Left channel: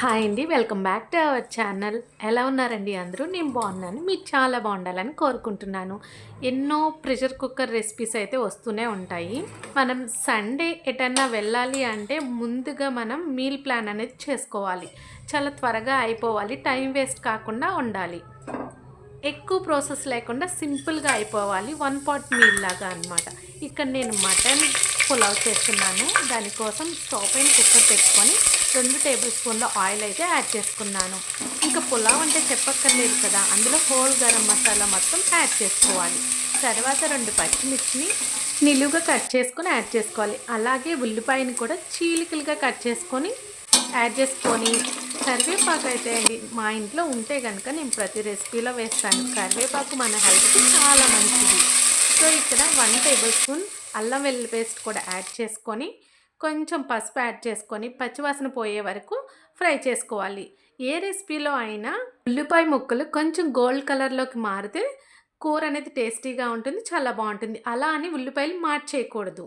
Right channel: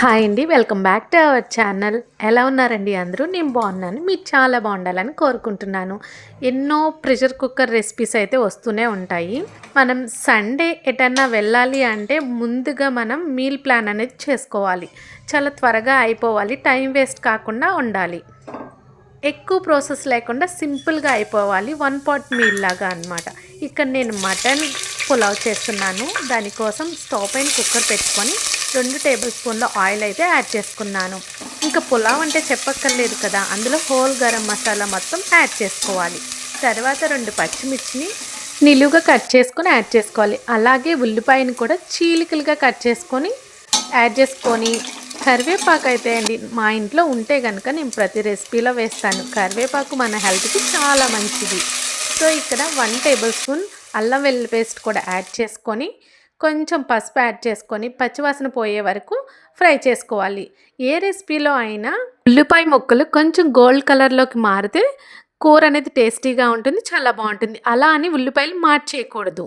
Hi అండి. Welcome back to our channel. ఎలా ఉన్నారండి అందరూ? నేను బాగున్నాను. మీరు చాలా బాగుండాలని కోరుకుంటున్నాను. ఎన్నో ప్రెషర్ కుక్కర్ రెసిపీస్ అయితే వస్తూనే ఉంటాయి. మనం సండే ఎటన్నా వెళ్ళాలి అంటే ముందుగా మనం మీల్ ప్లాన్ అనేది చేసుకోవాలి. చాలా త్వరగా అయిపోవాలి. టైం వేస్ట్ కాకుండా ఉండాలి. ఎక్కువ ప్రాసెస్ లేకుండా సింపుల్గా అయిపోవాలి. వన్ పాట్ మీల్ లాగా అనమాట. ఇక్కడ నేను మటన్ పులావ్ చేస్తున్నాను. దానికోసం స్టవ్ పైన కుక్కర్ పెట్టుకొని 2 టేబుల్ స్పూన్ల ఆయిల్ అయితే యాడ్ చేసుకున్నాను. ఇంకా పులావ్ అంటే చెప్పక్కర్లేదు కదా, అందులో హోల్ గరం మసాలా మొత్తం యాడ్ చేసుకోవాలి. తర్వాత 2 పచ్చిమిర్చిని నిలువుగా కట్ చేసుకొని యాడ్ చేసుకోవాలి. అలాగే ఉల్లిపాయని కూడా చీలికలుగా కట్ చేసుకొని యాడ్ చేసుకొని, కరివేపాకు అయితే అండి మా ఇంట్లో ఉంటే కనుక నేను ప్రతి రెసిపీలో వేస్తాను. కరివేపాకు మన హెల్త్కి చాలా మంచిది. సో ఇక్కడ 1 టేబుల్ స్పూన్ అల్లం వెల్లుల్లి పేస్ట్ కూడా యాడ్ చేసుకొని, కొంచెం పసుపు యాడ్ చేసుకొని పచ్చివాసన పోయే వరకు ఫ్రై చేసుకోవాలి. ఏ రెసిపీలో అయినా ఉల్లిపాయ ముక్కలు కొంచెం గోల్డ్ కలర్లోకి మారితే కూర అనేది టేస్టీగా ఉంటుంది, చాలా బాగుంటుంది. అలా అని ఉల్లిపాయలు మార్చేయకూడదు.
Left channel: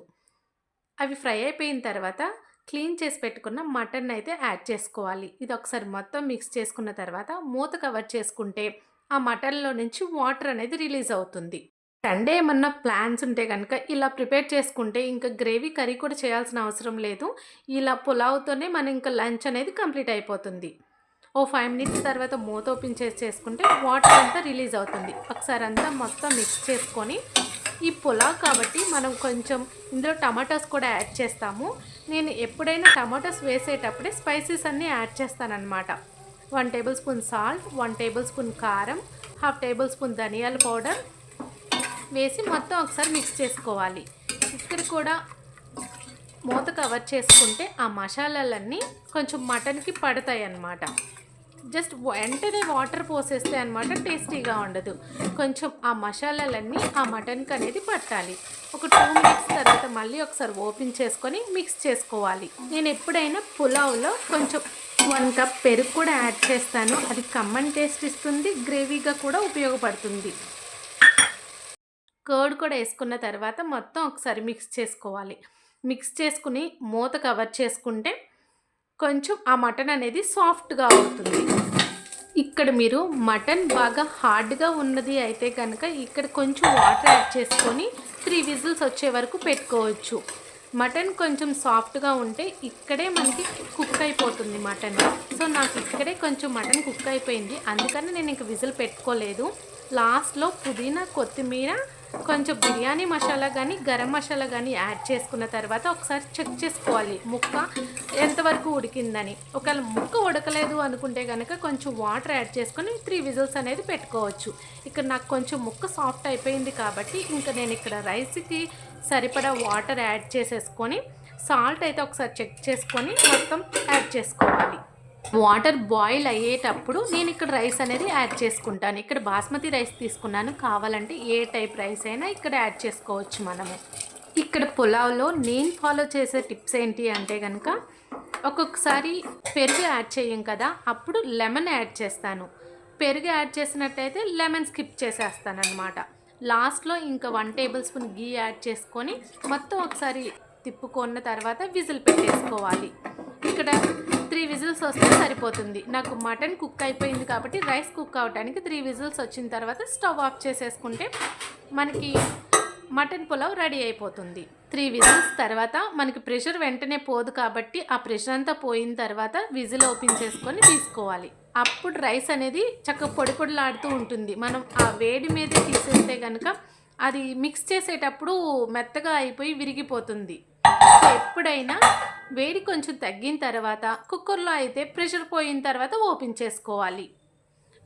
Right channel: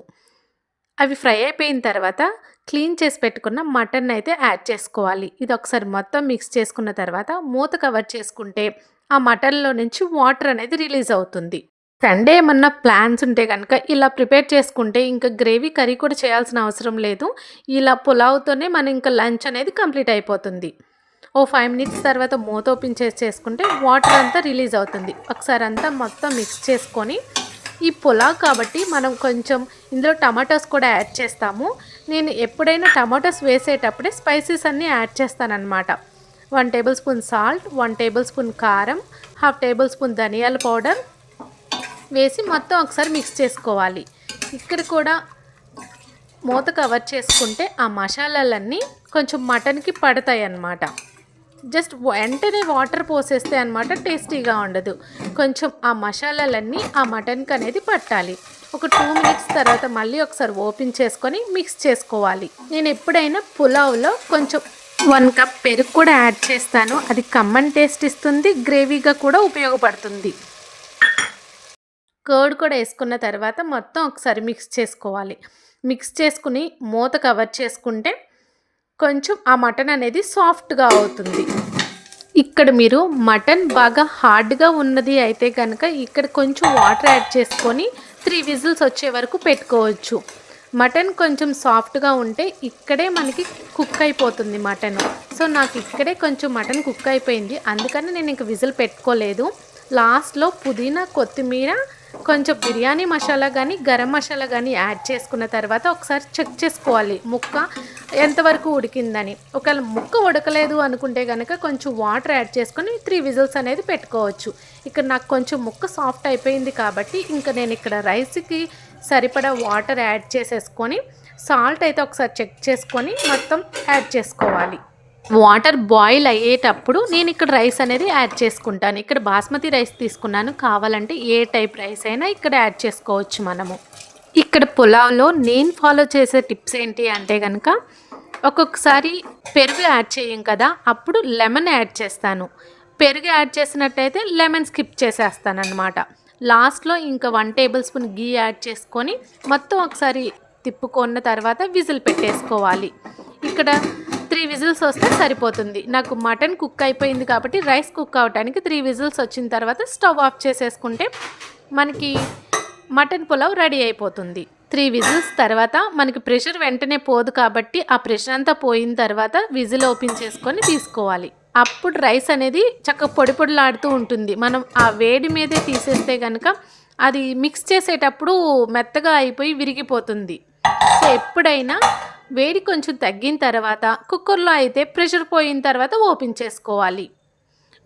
అవి ఫ్రై అయిపోయిన తర్వాత క్లీన్ చేసి పెట్టుకున్న మటన్ అయితే యాడ్ చేసుకోవాలి. ఇది ఒకసారి మొత్తం మిక్స్ చేసుకున్న తర్వాత మూత కవర్ చేసుకుంటే ఆ మటన్లో నుంచి వాటర్ అనేది రిలీజ్ అవుతుంది. సండే ఏమన్నా ప్లాన్స్ ఉంటే కనుక ఇలా ప్రిపేర్ చేసుకుంటే ఇంకా గ్రేవీ కర్రీ కూడా చేయాల్సిన అవసరం లేదు. ఇలా పులావ్తోనే మన ఇంకా లంచ్ అనేది కంప్లీట్ అయిపోతుంది. ఓ 5 మినిట్స్ తర్వాత మూత ఓపెన్ చేసి చేసుకుంటే వాటర్ అంతా రిలీజ్ అవుతుంది. ఒకసారి అంతా మొత్తం మిక్స్ చేసుకొని, ఈ పులావ్ కాబట్టి మనం కొంచెం ఇందులో టమాటోస్ కూడా యాడ్ చేస్తాము. నేను ఎప్పుడైనా టమాటోస్ వేసేటప్పుడే స్పైసెస్ అన్నీ యాడ్ చేస్తానన్నమాట. 1 tablespoon salt, 1 tablespoon కారం, హాఫ్ టేబుల్ స్పూన్ ధనియాల పౌడర్ వేసి మొత్తం ఒకసారి మిక్స్ చేసుకోవాలి. ఇక్కడ కూడా మూత కవర్ చేసుకుంటే ఆ మసాలాలన్నీ కొంచెం మటన్కి పడతాయి అన్నమాట. జస్ట్ వెంటనే వాటర్ పోసేస్తే అనమాట టేస్టీగా ఉండదు. కొంచెం ఆ మసాలాలన్నీ ఆ మటన్కి అనేది పట్టాలి. ఒక 2 మినిట్స్ తర్వాత మళ్ళీ ఒకసారి ఓపెన్ చేసుకొని మిక్స్ చేసుకోవాలి. నేను ఎప్పుడైనా పులావ్లో కొంచెం 1 కప్ పెరుగు కూడా యాడ్ చేస్తాను. అది కమ్మని టేస్ట్ ఇస్తుంది, గ్రేవీగా కూడా ఉపయోగపడుతుంది. కర్డ్ కూడా వేసుకున్న తర్వాత మొత్తం ఒకసారి మిక్స్ చేసుకోవాలి. మిక్స్ చేసుకుని మూత కవర్ చేసుకుంటే కొంచెం ఆ మటన్ అనేది సాఫ్ట్గా అవుతుంది. ఇక్కడ మీరు మటన్ బాగా హార్డ్గా ఉన్నది అయితే కనుక ఇక్కడ కొంచెం వాటర్ యాడ్ చేసుకొని 3 విజిల్స్ వచ్చే వరకు పెట్టుకోవచ్చు. మటన్ కొంచెం సాఫ్ట్గా ఉంటే ఇక్కడే మనకి కుక్ అయిపోతుంది మటన్. సో నాకు ఇక్కడే కొంచెం మటన్ కుక్ అయిపోయింది, అందుకని నేను ఇంక విజిల్ పెట్టుకోలేదు. లాస్ట్లో పుదీనా, కొత్తిమీర, కొంచెం బిర్యానీ మసాలా కానీ గరం మసాలా కానీ యాడ్ చేసుకున్న తర్వాత ఒకసారి చెక్ చేసుకోవాలి ముక్క ఎంతవరకు ఉడికిందని. ఒకవేళ ముక్క ఉడకలేదు అనుకుంటే కనుక కొంచెం వాటర్ యాడ్ చేసుకొని 3 విజిల్స్ అనేది పెట్టుకోవచ్చు. ఇక్కడ నాకు కొంచెం ముక్క సాఫ్ట్ అయిపోయింది కాబట్టి ఇంకా నేను ఇక్కడ రైస్కి సరిపడా వాటర్ యాడ్ చేసేసుకొని, సాల్ట్ అయితే ఒకసారి చెక్ చేసుకొని మొత్తం యాడ్ చేసుకోవాలి. వాటర్ బాయిల్ అయ్యేటప్పుడు నేను ఇక్కడ రైస్ అనేది యాడ్ చేసుకుంటాను. ఇక్కడ బాస్మతి రైస్ తీసుకున్నాను. కావాలంటే ఏ టైప్ రైస్ అయినా ఇక్కడ యాడ్ చేసుకోవచ్చు మనము. ఇక్కడ పులావ్లో నేను ఫాలో చేసే టిప్స్ ఏంటి అంటే కనుక, ఒక్కొక్కసారి పెరుగు యాడ్ చేయం కదా, అప్పుడు లెమన్ యాడ్ చేస్తాను. పెరుగు యాడ్ చేసినట్టయితే లెమన్ స్కిప్ చేసేస్తాను అనమాట. లాస్ట్లో ఇంకా 1 టేబుల్ స్పూన్ గీ యాడ్ చేసుకొని మొత్తం ఒకసారి తిప్పుకున్న తర్వాత విజిల్ పెట్టేసుకోవాలి. ఇక్కడ 3 విజిల్స్ వస్తే సరిపోతుంది. నాకు మటన్ కుక్ అయిపోయింది కాబట్టి రైస్ కుక్ అవ్వడానికి 3 విజిల్స్ వచ్చిన తర్వాత స్టవ్ ఆఫ్ చేసేసుకుంటే మనకి మటన్ పులావ్ రెడీ అయిపోతుంది. 3 విజిల్స్ తర్వాత మనకి ప్రెషర్ వెంటనే పోదు కాబట్టి ఆ ప్రెషర్ అంతా పోయిన తర్వాత విజిల్ ఓపెన్ చేసుకొని తీసుకోవాలి. అప్పుడు రైస్ అనేది చక్కగా పొడి పొడిలాడుతూ ఉంటుంది. మనం ఆ వేడి మీదే తీసేస్తే కనుక అది మిక్స్ చేసేటప్పుడు మెత్తగా అయిపోయి విరిగిపోతుంది. సో ఎప్పుడైనా వేడి కొంచెం తగ్గిన తర్వాత కుక్కర్లో అయితే ప్రెషర్ పోయిన తర్వాత ఓపెన్ చేసుకోవాలి.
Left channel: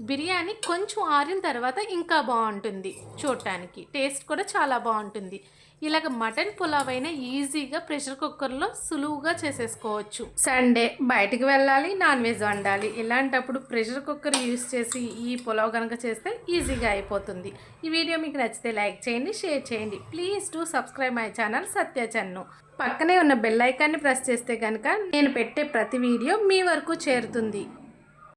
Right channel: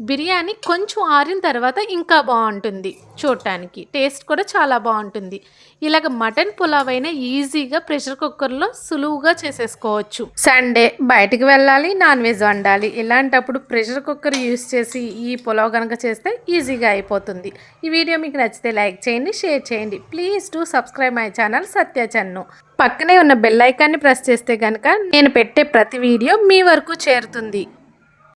బిర్యానీ కొంచెం ఆరిన తర్వాత ఇంకా బాగుంటుంది, చూడటానికి టేస్ట్ కూడా చాలా బాగుంటుంది. ఇలాగ మటన్ పులావ్ అయినా ఈజీగా ప్రెషర్ కుక్కర్లో సులువుగా చేసేసుకోవచ్చు. సండే బయటికి వెళ్ళాలి, నాన్ వెజ్ వండాలి, ఇలాంటప్పుడు ప్రెషర్ కుక్కర్ యూస్ చేసి ఈ పులావ్ కనుక చేస్తే ఈజీగా అయిపోతుంది. ఈ వీడియో మీకు నచ్చితే లైక్ చేయండి, షేర్ చేయండి. Please do subscribe my channel Satya Channu. పక్కనే ఉన్న బెల్ ఐకాన్ని ప్రెస్ చేస్తే కనుక నేను పెట్టే ప్రతి వీడియో మీ వరకు చేరుతుంది.